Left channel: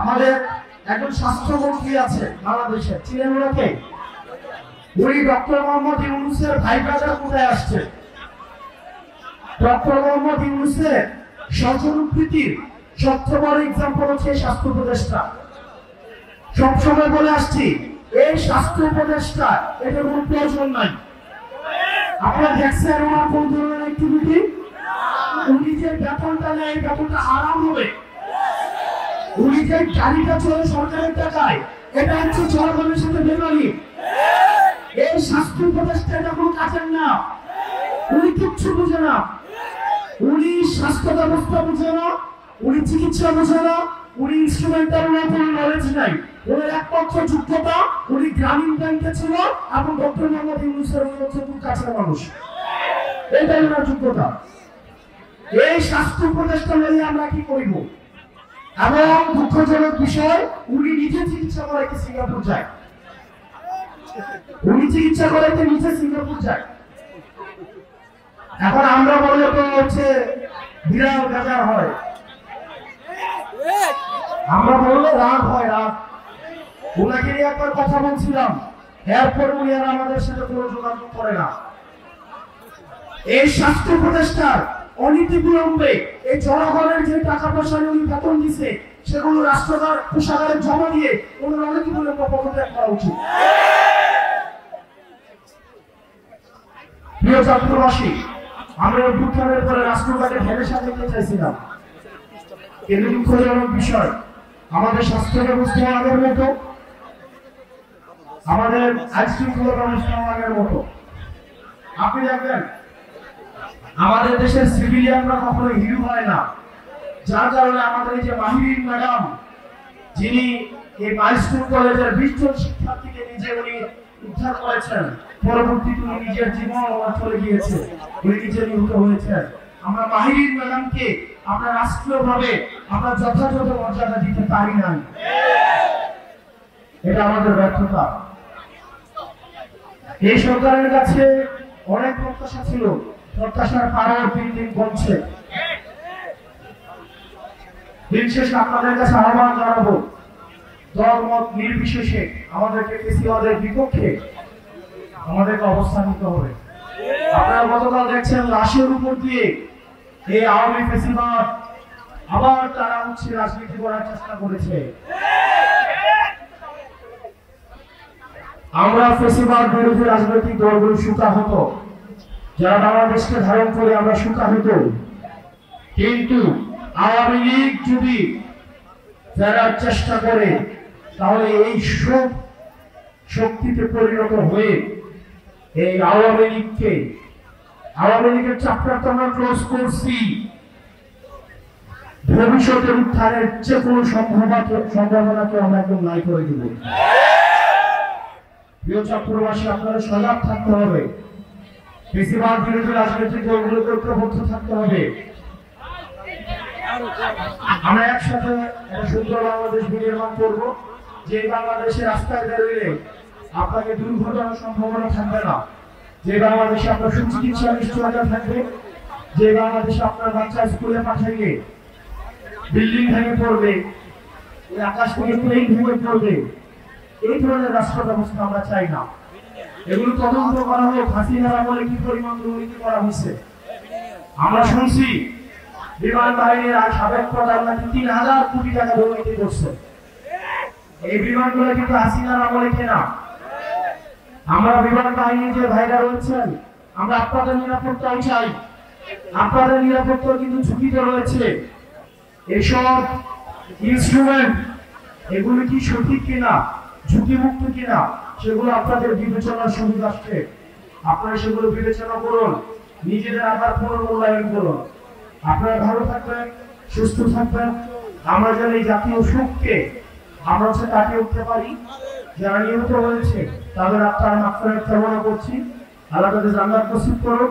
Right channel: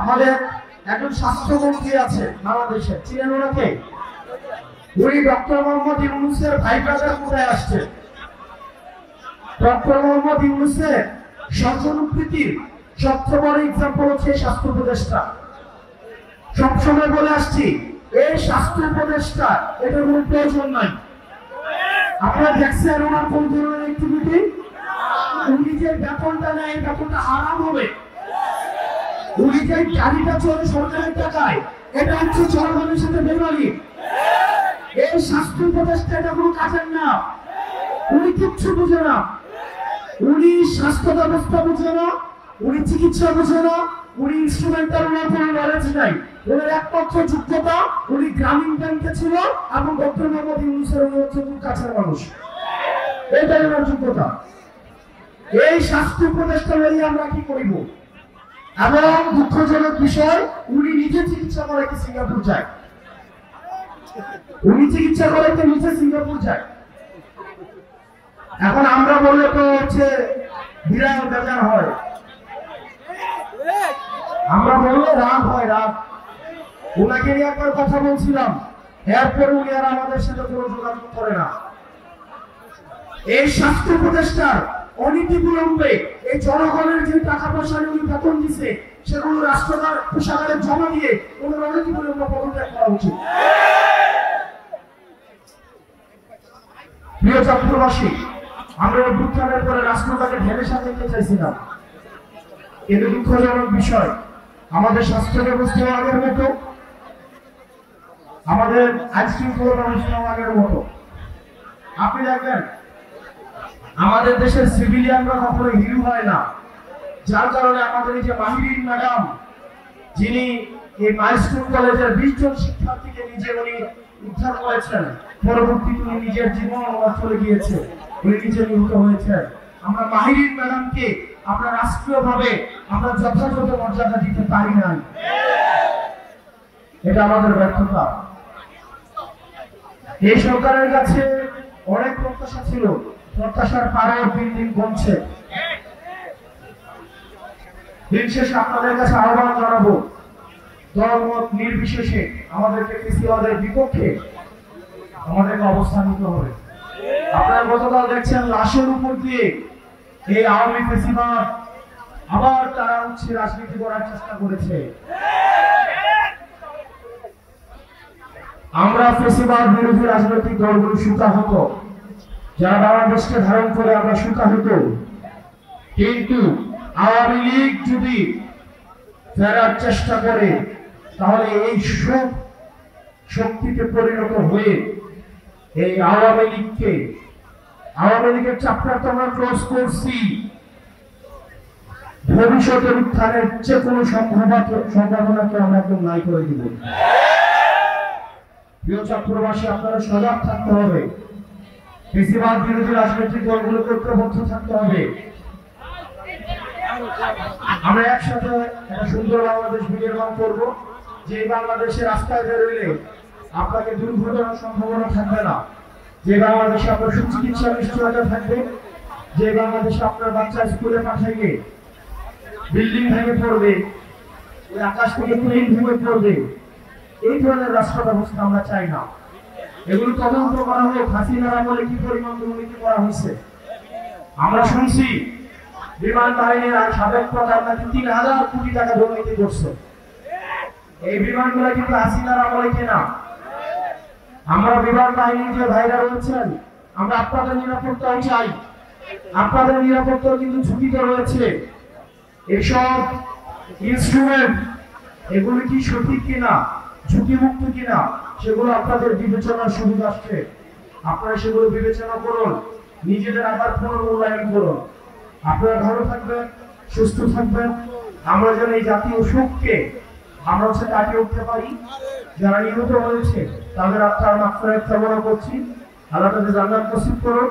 আমাদের একজন স্বাস্থ্যমন্ত্রী আছে বাংলাদেশে, চিনেন ওনাকে? উনি ডক্টর মোহাম্মদ ইউনূসের ভাই ব্রাদার কোথায় আসছে? ডক্টর মোহাম্মদ ইউনূসের সর্বপ্রীতির সবচেয়ে বড় এক্সাম্পল হচ্ছে স্বাস্থ্য উপদেষ্টা। সবসময় বলে আসছি, এই স্বাস্থ্য উপদেষ্টা এটার কোনো প্রয়োজন নাই। আপনার দেখছেন আমার কোন ধরনের অ্যাক্টিভিটি? উনি যে বেতনটা নেয়, বেতনটা হারাম হবে। উনি যে গাড়িটা চলে সরকারের টাকায়, এটা হচ্ছে জনগণের সাথে বেমানি। এই স্বাস্থ্য উপদেষ্টা এটা কোনো কাজের না। উনি কিচ্ছু বুঝে না। উনি স্বাস্থ্য ব্যবস্থা বুঝে না, উনি চিকিৎসা বুঝে না, উনি ইনস্ট্রুমেন্টাল না, কোনো নলেজ নাই। ওনার একমাত্র যোগ্যতা, উনি গ্রামীণ ব্যাংকে ছিল এবং ডক্টর মোহাম্মদ ইউনূসের হচ্ছে কাছের মানুষ। এটাই ওনার যোগ্যতা। এই স্বাস্থ্য উপদেষ্টা নিয়ে আমরা কি করিব? এবং দুঃখজনক বিষয়, উনি নিজে চিকিৎসা করাইতে সিঙ্গাপুর যায়। উনি চিকিৎসা করাইতে নিজে সিঙ্গাপুর যায়। এখন আমরা বলে তো হচ্ছে বিরাট ব্যাপার হয়, আমরা বললে রাগ হয়, রাগ। ওনাকে নিয়ে একটা কথা বলছিলাম, এরপর উনি আর আমাদের সাথে কোনো যোগাযোগ করে না। এই স্বাস্থ্য উপদেষ্টার অনীতি বিলম্বে এই জনগণের যে টাকা পয়সা উনি বেতন দিচ্ছে, সেগুলো রাষ্ট্রদার কোষাগারে জমা দিয়ে কোনো অনীতি বিলম্বে পদত্যাগ করা উচিত। প্রিয় ছাত্রবাসী, আমরা এই ভূত্থানের পরে রাষ্ট্রটাকে ঢেলে সাজাতে চাইছিলাম, কিন্তু দুঃখজনক বিষয়, আমাদের স্বাস্থ্য ব্যবস্থা আগের মতো, আমাদের আইনশৃঙ্খলা ব্যবস্থা আগের মতো। আপনি দেখবেন আমাদের দেশের সিভিলিয়ানরা কখনো হিরো হয় না, যার কারণে আমাদের এই যে মাহিরিন ম্যাডাম, যিনি এই মাইলস্টোন কলেজের 20 জন শিক্ষার্থীকে নিজে উনি উদ্ধার করেছেন, পরবর্তীতে উনি নিজের জীবন চলে গিয়েছে, উনি নিজে নিহত হয়েছেন। আমরা মাহিরিন ম্যাডামকে আমরা রাষ্ট্রীয়ভাবে আমরা যথাযথ মর্যাদা দিতে পারি না, এটা আমাদের ব্যর্থতা। এই সরকারের কাছে অনেক প্রত্যাশা ছিল, প্রত্যাশার পাড়ায় বিল্ডিং বনছে। দিন শেষে আপনাদের কাছে আহ্বান জানাবো, দলমত নির্বিশেষে আমাদেরকে ফেসিবাদের বিপক্ষে আমাদেরকে অবস্থান নিতে হবে। আপনারা গতকাল দেখছেন লাশের উপর দিয়ে এই আওয়ামী ফেসিবাদ আবার তারা হচ্ছে রাজনীতি করার চেষ্টা করেছে। আমরা ফেসিবাদ বিরোধী রাজনৈতিক দলগুলো সুতাহত, যারা বাংলাদেশকে ধারণ করে আমরা সুতাহত, কিন্তু আওয়ামী লীগ যদি ফেরার চেষ্টা করে, তাহলে এই সব শক্তিতে পরিণত হয়ে এই আওয়ামী লীগের চ্যাপ্টারটা আমরা ক্লোজ করছি, ভবিষ্যতের উত্থানের যে কোনো সম্ভাবনাকে আমরা একদম নাই করে দিব। প্রিয় ছাত্রবাসী, আপনারা সজাগ থাকতে হবে, ফেসিবাদ বিরোধী রাজনৈতিক দলগুলোকে ঐক্যবদ্ধ থাকতে হবে। আমরা একসাথে একটা সুন্দর বাংলাদেশ বিনির্মাণ করবো, যে বাংলাদেশের রাস্তায় বেরোলে আপনাকে দুর্ঘটনার সম্ভাবনা থাকবে না, যে বাংলাদেশে আপনার সুচিকিৎসা নিশ্চয়তা থাকবে, যে বাংলাদেশে আপনার বাচ্চা স্কুলে পাঠাইলে বিল্ডিং ভেঙে পড়বে, আকাশ থেকে প্লেন ভেঙে পড়বে, এই ধরনের রাষ্ট্র ব্যবস্থা আমরা চাই না। এগুলো তদন্ত করা হলে হাসিনার আমলে কি পরিমাণ দুর্নীতি করা হয়েছে আমরা শুনছি। বিমান বাহিনীর সাবেক প্রধান নাকি 3000 কোটি টাকা দুর্নীতি করছে। এই বিমানগুলো কিন্তু হাসিনার আমলে কেনা। আমরা বিমান বাহিনীর যে ভাইরা রয়েছেন, আমরা আপনাদের নিরাপত্তাই চাই। আপনাদের নিরাপত্তা কিন্তু ঝুঁকিতে রয়েছে। এইসব ইনস্ট্রুমেন্ট এগুলো কি সঠিক কিনা, ঝুঁকিমুক্ত কিনা, সেগুলো আপনাদের বিবেচনার সুযোগ আসছে। আপনারা সেগুলো বিবেচনা করুন, নিজেদের আবার পুনর্মূল্যায়ন করুন। আপনারা ভালো থাকবেন, সুস্থ থাকবেন। আমরা যেন এই জাতীয় শোককে আমরা হচ্ছে কাটিয়ে উঠতে পারি। যারা নিহত হয়েছে তাদের আত্মার মাগফিরাত কামনা করছি, আল্লাহ তাদের জান্নাত নসিব করুন।